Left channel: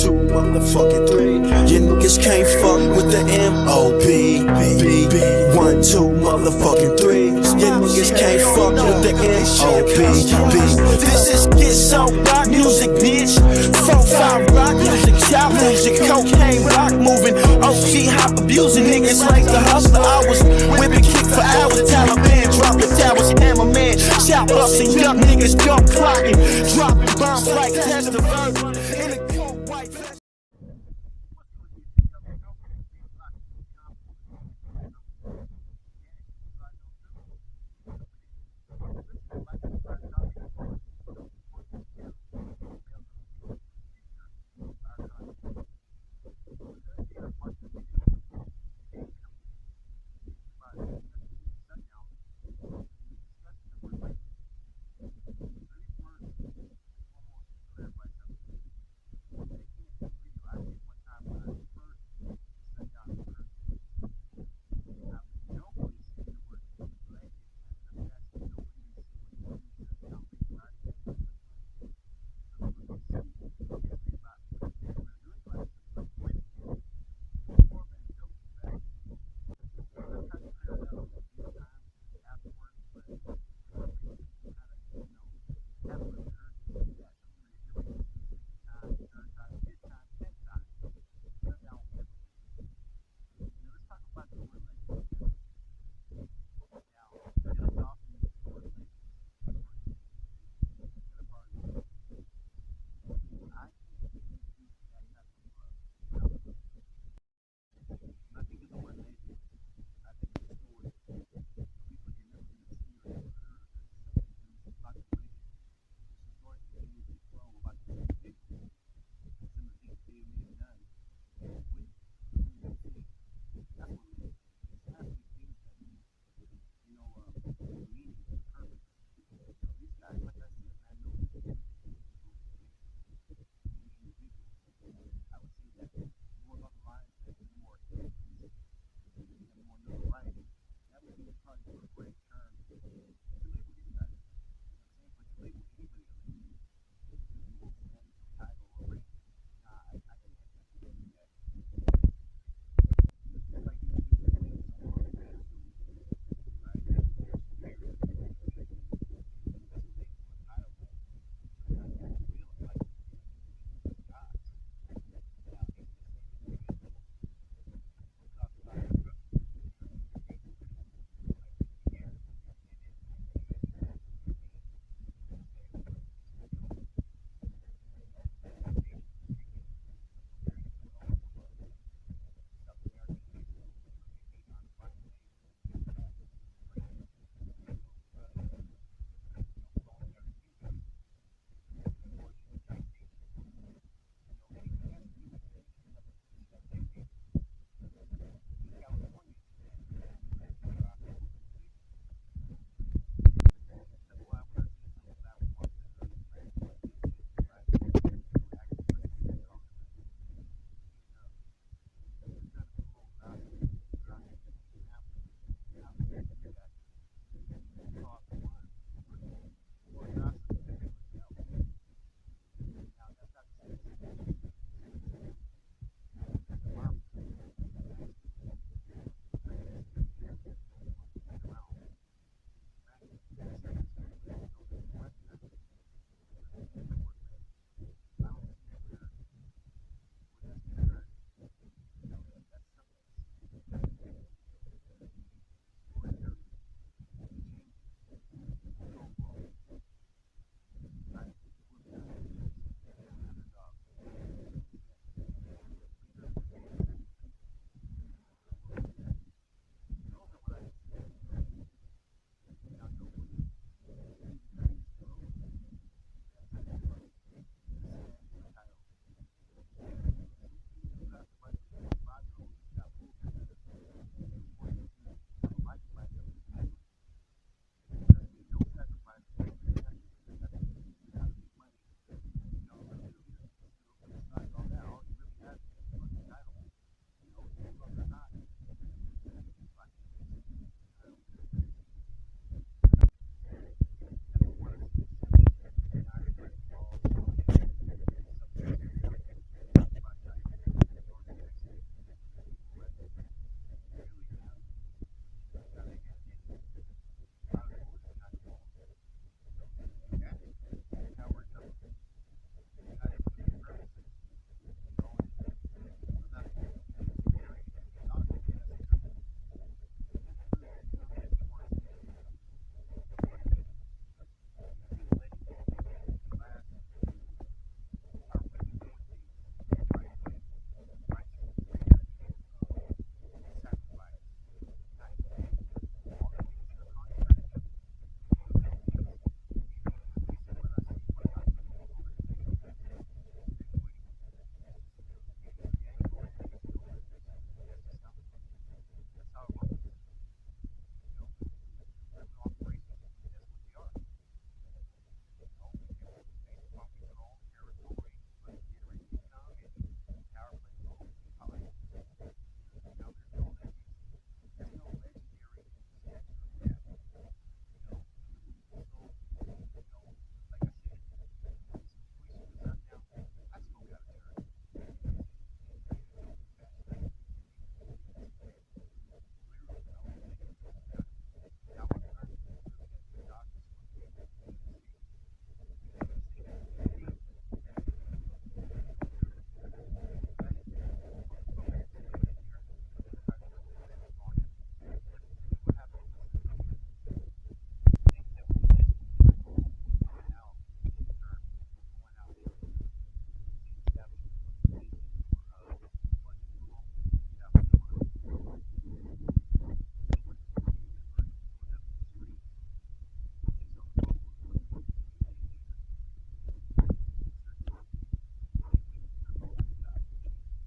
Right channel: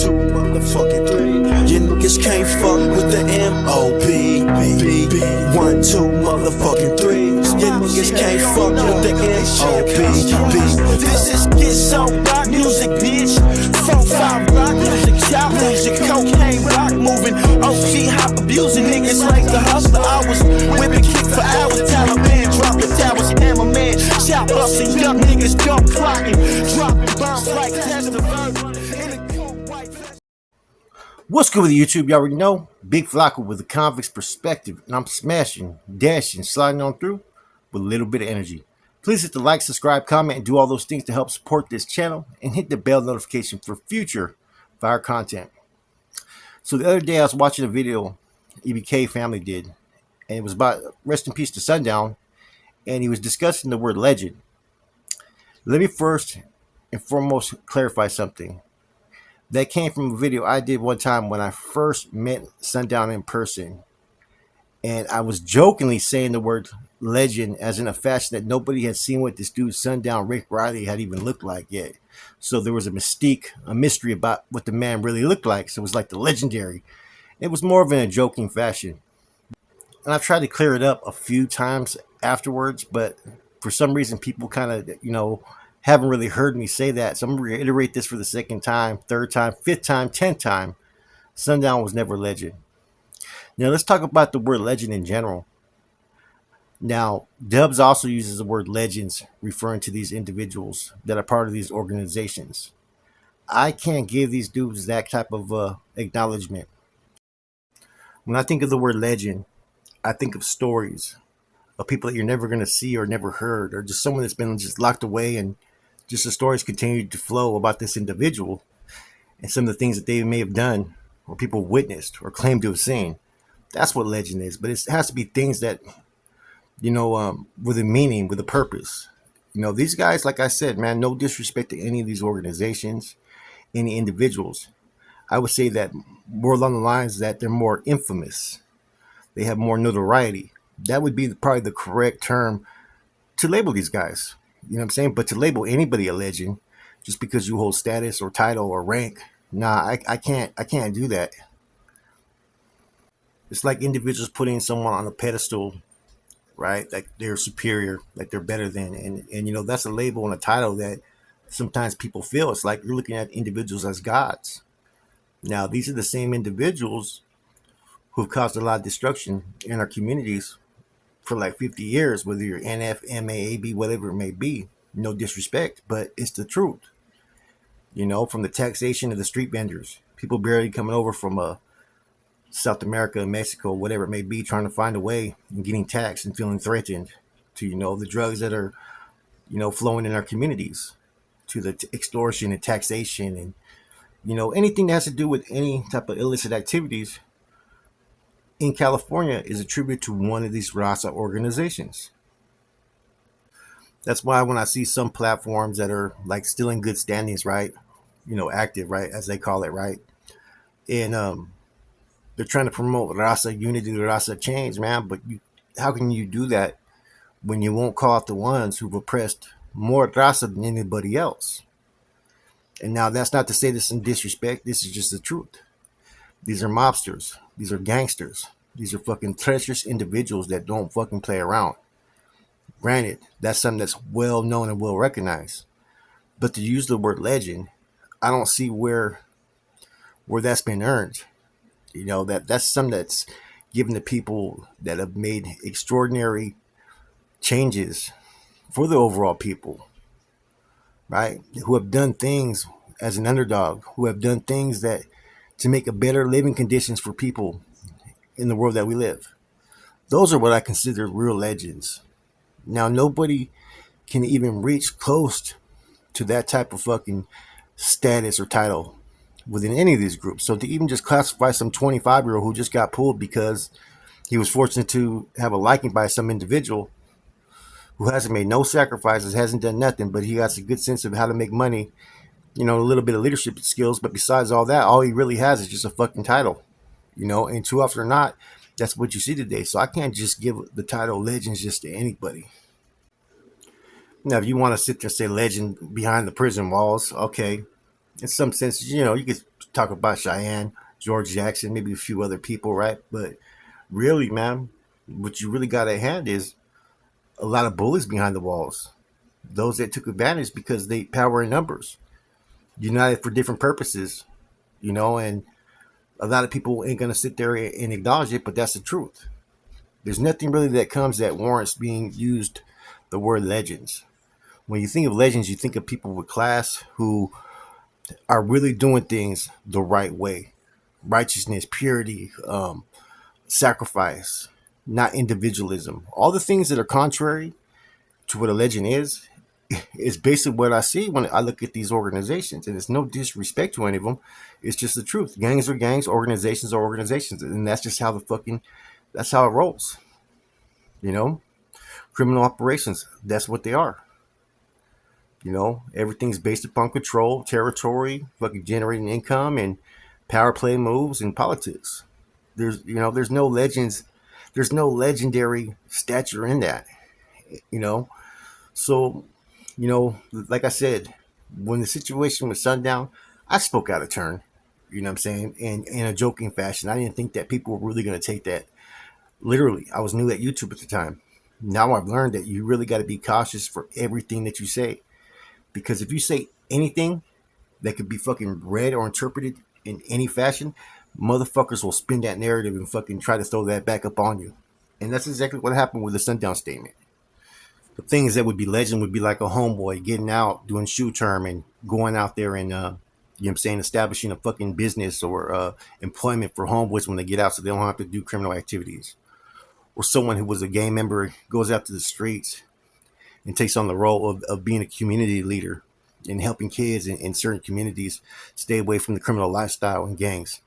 2, motherfucking 3. You niggas can't fuck with the M.O.B. 1, 2, motherfucking 3. You niggas can't fuck with the M.O.B. This is get so rock music, bitch. 4-5 rock music, shout music, cocaine rock moving, OG hop abusing niggas like the hustler. I was whipping kick for hours, Taliban dropping towers, hammer man, shout busting young niggas, gun clocking, dropping bombs like test the verb in a cold white vest. What's good with YouTube? You already know. Big Flacco with a convict's perspective, and I'm smashing, dashing, sliding on through with a little bit of energy. Please hit the like, subscribe, comment, and do all those things to help support this channel, and hit the bell notification for future fire content. So the other day I was watching a video EBK family did, and it was about rest in peace to Sundown, and he was discussing the word legend. Let me first and foremost clarify something. That came from a video I did one time when I first met Sundown in person. And I was jokingly saying the word legend as in a fashion that nobody had seen what this dude Sundown Rick Riley had even looked like yet. So there was a mystique, a mystery about what the man really looked like. So it was like the legendary. It was more of in a joking fashion. And I've tried to clear it up a few times afterwards, but for some reason people kind of, haven't really heard me say that. So I'm going to reiterate this for the second time, third time, fifth time, 10th time. Sundown was never legend. Now let's talk about the word legend in general. Now, Dubs also uses the word legends referring to these individuals that are part of these organizations. I can't give these dudes that type of acknowledgement. When I think of the word legend, I think of stories of people that you're never going to see or never heard, or just someone that's been just locked away, and just the stories continue to flow about this individual and some of the things that they may have done or people witnessed or claimed to have seen. That's what legend is. But it has to be things that, with a meaning, with a purpose. These guys, like I said, man, no disrespect to any of these organizations, any individuals. I would say that more along the lines that they're more infamous. They have more notoriety. That would be probably the correct term to label these guys. You know what I'm saying? But to label anybody a legend just because you hold status or title or rank, nah, I can't do that. It's like individuals putting someone on a pedestal, right? Like they're superior, like they're better than, and that's a label and a title that sometimes people feel. It's like you're looking at individuals as gods. Now, these are the same individuals who've caused a lot of destruction in our communities for like 50 years, whether you're NF, MA, AB, whatever it may be. No disrespect, but it's the truth. From the taxation to the street vendors, people barely coming over from South America, Mexico, whatever it may be, trying to find a way and getting taxed and feeling threatened, to the drugs that are flowing in our communities, to the extortion and taxation, and anything that has to do with any type of illicit activities in California is attributed to one of these Rasa organizations. That's why when I see some platforms that are like still in good standings, right, active, right, as they call it, right, and they're trying to promote Rasa unity, Rasa change, man. But how can you do that when you won't call out the ones who've oppressed more Rasa than anybody else? And now that's not to say this in disrespect. This is just the truth. These are mobsters. These are gangsters. These are fucking treacherous individuals that don't fucking play around. Granted, that's something that's well known and well recognized. But to use the word legend, I don't see where that's been earned. That's something that's given to people that have made extraordinary changes for the overall people, right? Who have done things as an underdog, who have done things that to make a better living conditions for people in the world that we live. Those are what I consider real legends. Now, nobody can even reach close to that type of fucking status or title within any of these groups. So to even just classify some 25-year-old who just got pulled because he was fortunate to have a liking by some individual who hasn't made no sacrifices, hasn't done nothing, but he has a good sense of how to make money, a little bit of leadership skills. But besides all that, all he really has is just a fucking title, and too often or not, that's what you see today. So I can't just give the title legends just to anybody. Now, if you want to sit there and say legend behind the prison walls, okay, in some sense, you could talk about Cheyenne, George Jackson, maybe a few other people, right? But really, man, what you really got at hand is a lot of bullies behind the walls. Those that took advantage because they power in numbers, united for different purposes, and a lot of people ain't gonna sit there and acknowledge it, but that's the truth. There's nothing really that comes that warrants being used the word legends. When you think of legends, you think of people with class who are really doing things the right way. Righteousness, purity, sacrifice, not individualism. All the things that are contrary to what a legend is basically what I see when I look at these organizations. And it's no disrespect to any of them. It's just the truth. Gangs are gangs, organizations are organizations. And that's just how that's how it rolls. You know? Criminal operations, that's what they are. Everything's based upon control, territory, fucking generating income, and power play moves and politics. There's no legends, there's no legendary stature in that. You know, so like I said, when the situation with Sundown, I spoke out of turn. You know what I'm saying? In a joking fashion. I didn't think that people were really going to take that literally. I was new at YouTube at the time. Now I've learned that you really got to be cautious for everything that you say, because if you say anything that could be fucking read or interpreted in any fashion, motherfuckers will spin that narrative and fucking try to throw that back up on you. And that's exactly what happened with the Sundown statement. Things that would be legend would be like a homeboy getting out, doing shoe term, and going out there and, what I'm saying, establishing a fucking business or employment for homeboys when they get out so they don't have to do criminal activities. Or someone who was a gang member goes out to the streets and takes on the role of being a community leader and helping kids in certain communities stay away from the criminal lifestyle and gangs.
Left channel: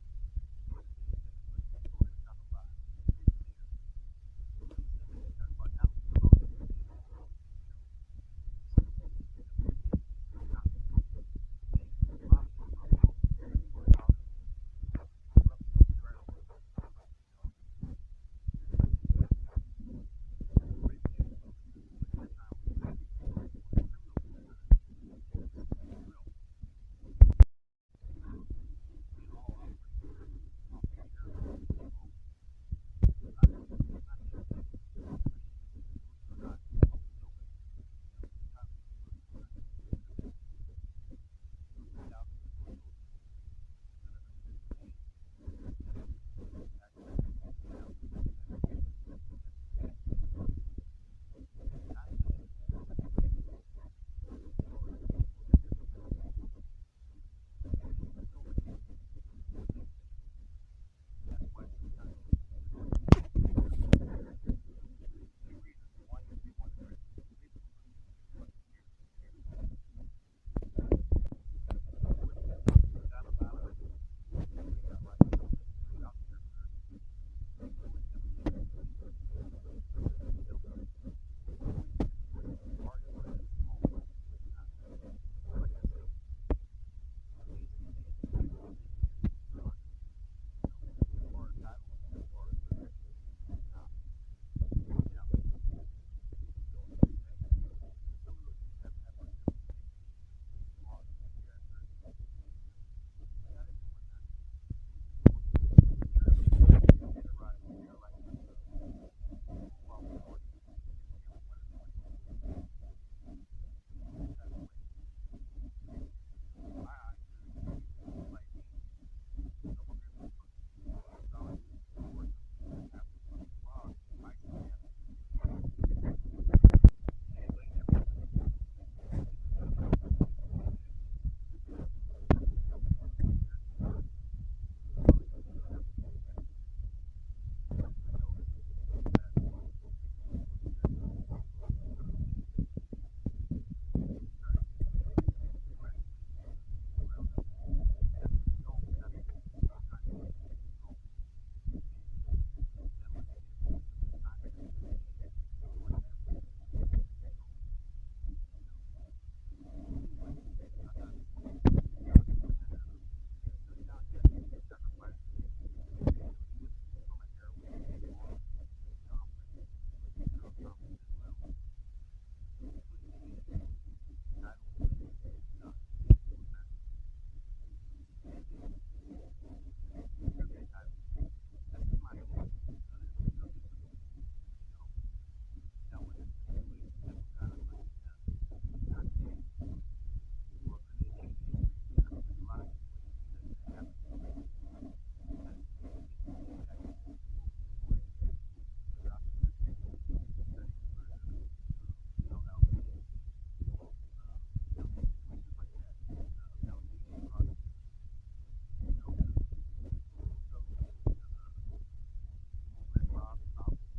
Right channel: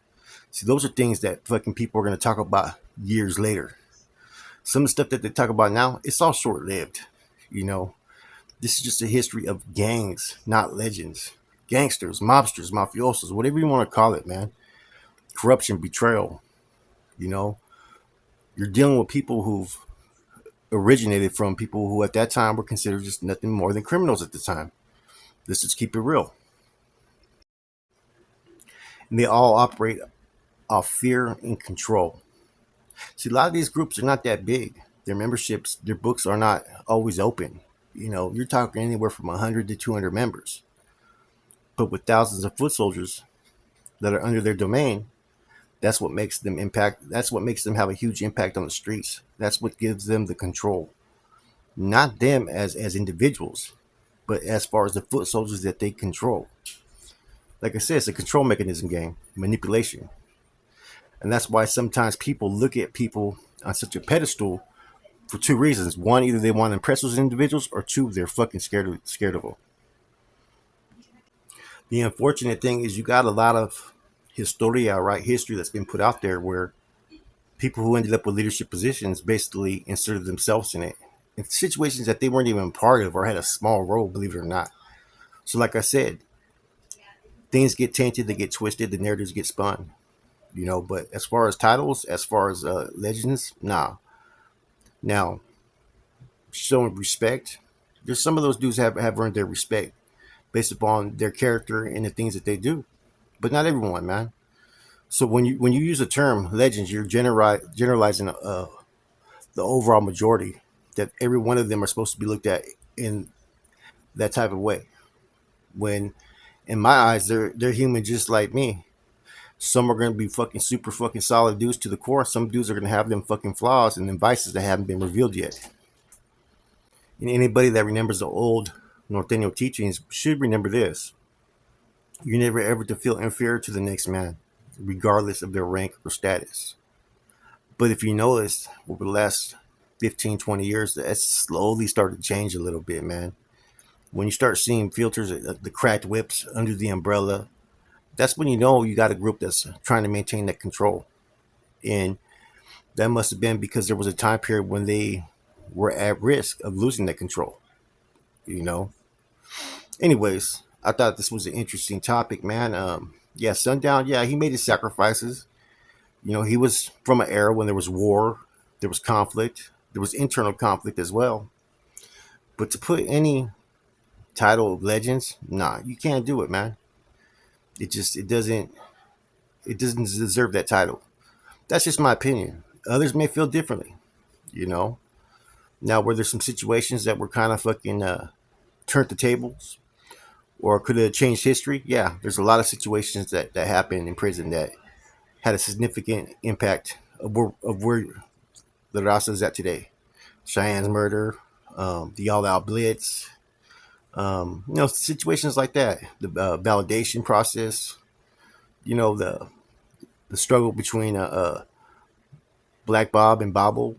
See, those are things that fucking people are going to talk about years later. Some of the stuff that they talk about now, it's all short lived. You know, this is just a history of gangs, not legends. Gangsters, mobsters, mafiosos, whatever you want to call it, man. Corruption, betrayal. You know, you're dealing with people who've originated from people who at that time were considered just nothing more than criminals at the time. Let's just keep it real. And they all operate off fear and control. See, a lot of these groups are not that big. Their memberships, their books are not always open. You're talking anywhere from 100 to 200 members. But with thousands of foot soldiers that are under their domain, that's what makes them impact. That's what makes them have a huge impact on the streets. That's what gives them the control. Not them as individuals, but as far as the foot soldiers that they control. Like I said, it's a control mechanism game, manipulation. And that's why sometimes people look at people on such a pedestal for two reasons. One, either they want to impress those individuals, or two, they're fucking scared of them. The unfortunate thing is you got a lot of historia, right? History that's been put out there where people who ended up with leadership positions basically inserted themselves in it. In situations that they weren't even part of or had a small role, believe it or not. So like I said, things get tainted, they get twisted, the narratives get spun. But as far as titles, as far as legends, nah. Now, showing respect, there's some of those dudes have earned their respect based upon their character and the things that they do, but not everyone, man. So when you use the term legends, you're generalizing the overall majority, that every one of them are supposed to be looked at in that type of way. When in my eyes, they're human just like me. Some are going to be fucking super fucking solid dudes to the core. Some dudes are going to have them fucking flaws and them vices that haven't been revealed yet. And anybody that remembers the old Norteño teachings should remember this. You're never ever to feel inferior to the next man, regardless of their rank or status. But if you notice, over the last 15, 20 years, that's slowly started to change a little bit, man. When you start seeing filters, the cracked whips under the umbrella, that's when you know you got a group that's trying to maintain that control. And that must have been because there was a time period when they were at risk of losing that control, you know? Anyways, I thought this was an interesting topic, man. Yeah, Sundown, yeah, he made his sacrifices. He was from an era when there was war, there was conflict, there was internal conflict as well. But to put any title of legends, nah, you can't do it, man. It doesn't. it doesn't deserve that title. That's just my opinion. Others may feel differently, you know. Now, were there some situations that were kind of fucking turned the tables or could have changed history? Yeah, there's a lot of situations that happened in prison that had a significant impact of where the Raza is at today. Cheyenne's murder, the all-out blitz, situations like that. The validation process, the struggle between Black Bob and Bobble.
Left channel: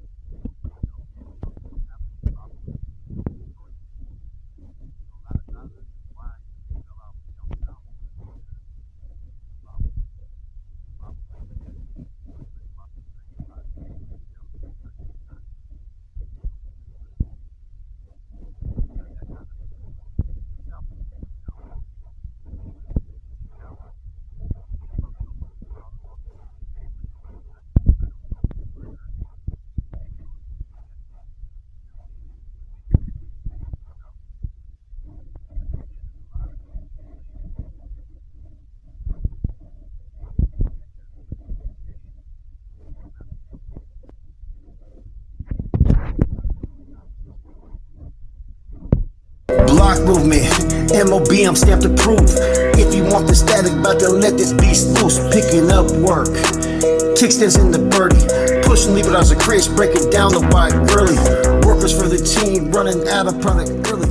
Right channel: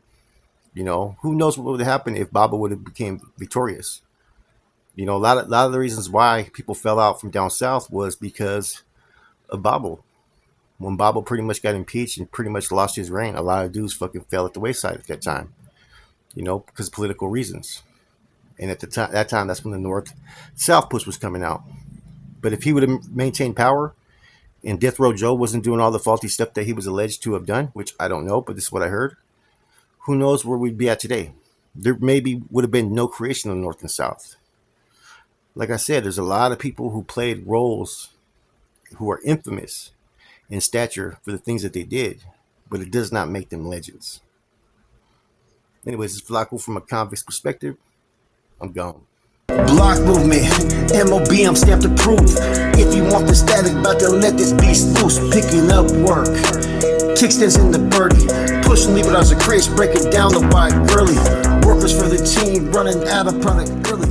Who knows what would have happened if Bobble would have became victorious. A lot of the reasons why people fell out from down south was because of Bobble. When Bobble pretty much got impeached and pretty much lost his reign, a lot of dudes fucking fell at the wayside at that time. Because of political reasons. And at that time, that's when the North-South push was coming out. But if he would have maintained power, and Death Row Joe wasn't doing all the faulty stuff that he was alleged to have done, which I don't know, but this is what I heard, who knows where we'd be at today. There maybe would have been no creation of North and South. Like I said, there's a lot of people who played roles who are infamous in stature for the things that they did, but it does not make them legends. Anyways, it's Flacco from a convict's perspective. I'm gone. Block movement, MOB, I'm stamped approved. If you want the static, about to let this beast loose. Picking up work, kickstands in the birdie. Push and leave it as a craze, breaking down the wide girly. Workers for the team, running out of product early.